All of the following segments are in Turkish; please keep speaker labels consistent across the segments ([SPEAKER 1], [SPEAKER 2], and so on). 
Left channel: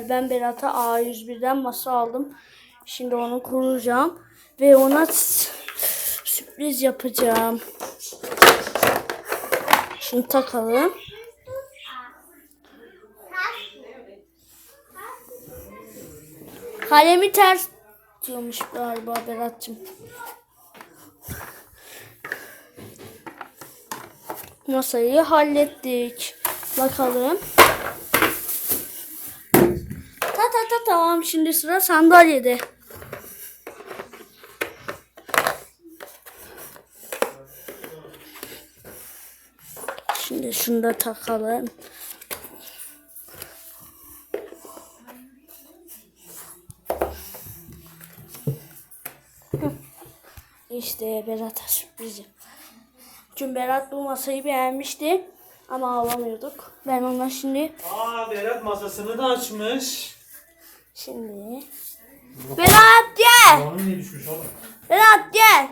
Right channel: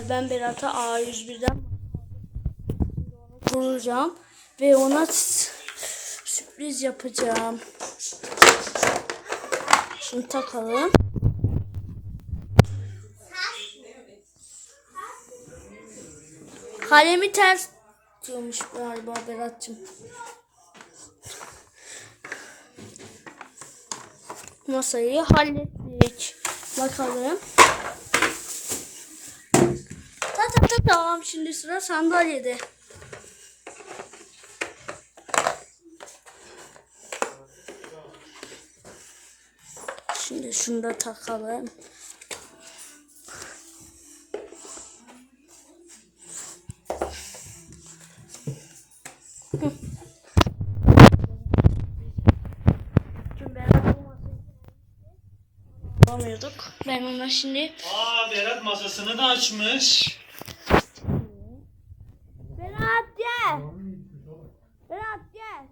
[SPEAKER 1] Ben Berat'a A101'den masa aldım. Şimdi onu kuracağım. Ve ona sürpriz yapacağım. Şunu takalım. Kalemi ters tutuyormuş galiba Berat'cığım. Masayı hallettik. Bakalım. Tamam şimdi sıra sandalyede. Şimdi şunu da takalım. İşte Berat'a sürpriz Çünkü Berat bu masayı beğenmişti ama alamıyorduk. Ben ona şimdi
[SPEAKER 2] Aa Berat masasını da açmış.
[SPEAKER 1] Şimdi. Berat gel.
[SPEAKER 2] Onun ne düşmüş oğlum?
[SPEAKER 1] Berat gel.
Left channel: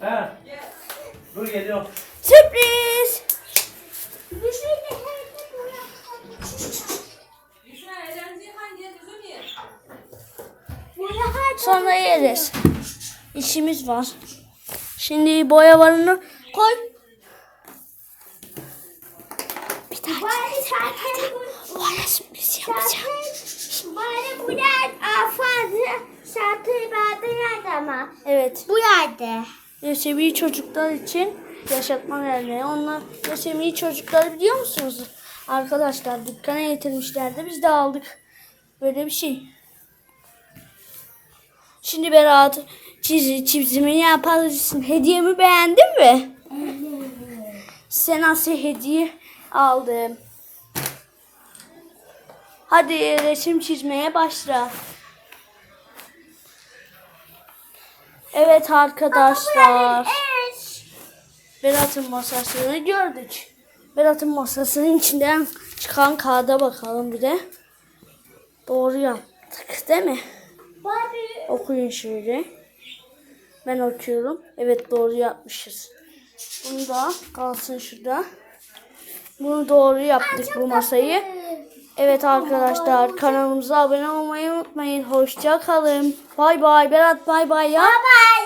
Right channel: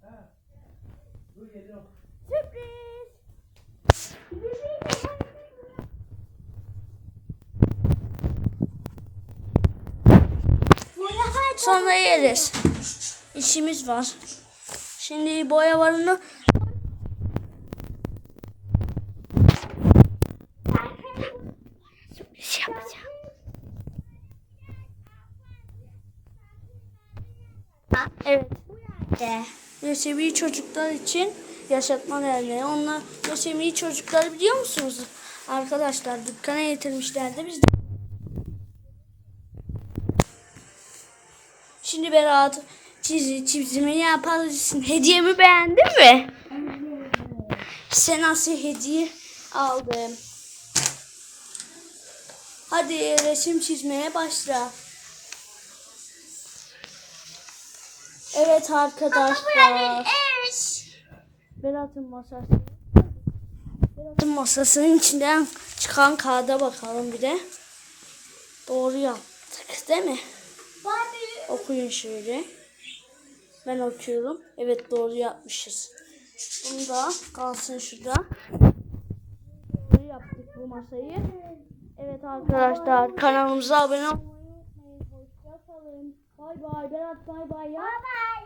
[SPEAKER 2] He. Dur geliyorum.
[SPEAKER 1] Sürpriz. Sonra yeriz. İşimiz var. Şimdi boyalarını koy. Bana sürpriz yapacağım. Evet.
[SPEAKER 3] Bu yerde.
[SPEAKER 1] Lösemi çocuklar için yaşatma derneği. Onlar lösemi çocukları biliyor musunuz? Arkadaşlar dükkana getirmişlerdi. Biz de aldık. Böyle bir şey. Şimdi Berat çiz, çizimini yapabilirsin. Hediyemi beğendin mi? Size nasıl hediye aldım. Hadi resim çizmeye başla. Evet arkadaşlar. Berat'ın masasını gördük. Berat'ın masasının içinden çıkan kağıda bakalım bir de. Doğru yaptık değil mi? Okuyun şöyle. Ben okuyorum. Evet doğru yapmışız. Bunu da kalsın şurada. Bunu doğru yaptık bu masayı. Evet arkadaşlar kanalımıza abone olmayı unutmayın. Hoşça kalın. Bay bay. Berat bay bay ya.
[SPEAKER 3] Bye.